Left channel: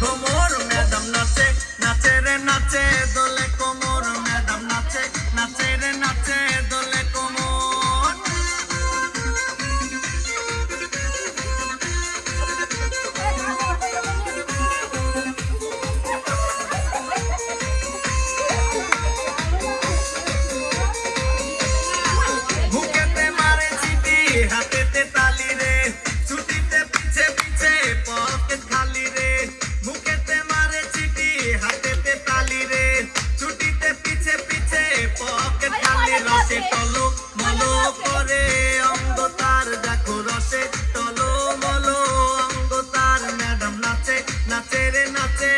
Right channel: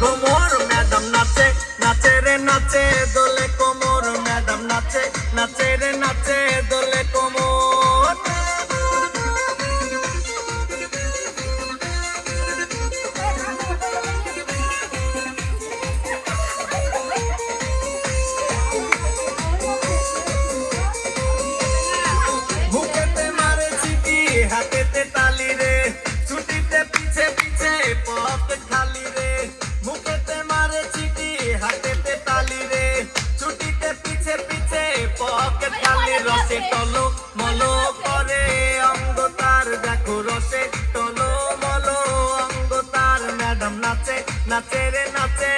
ঘুমোর madam নাচে নাচে রে নাচে দোলে কোমর ম্যাডাম নাচে নাচে রে নাচে দোলে কোমর বুকেতে মারে চিঠি হাতেতে তালি রে ছুটিতে পিছে পিছে পকেট খালি রে বুকেতে মারে চিঠি হাতেতে তালি রে ছুটিতে পিছে পিছে পকেট খালি রসে টলো মলো করে অঙ্গ তার দেখো রসে টলো মলো অঙ্গ তার ম্যাডাম নাচে নাচে রে নাচে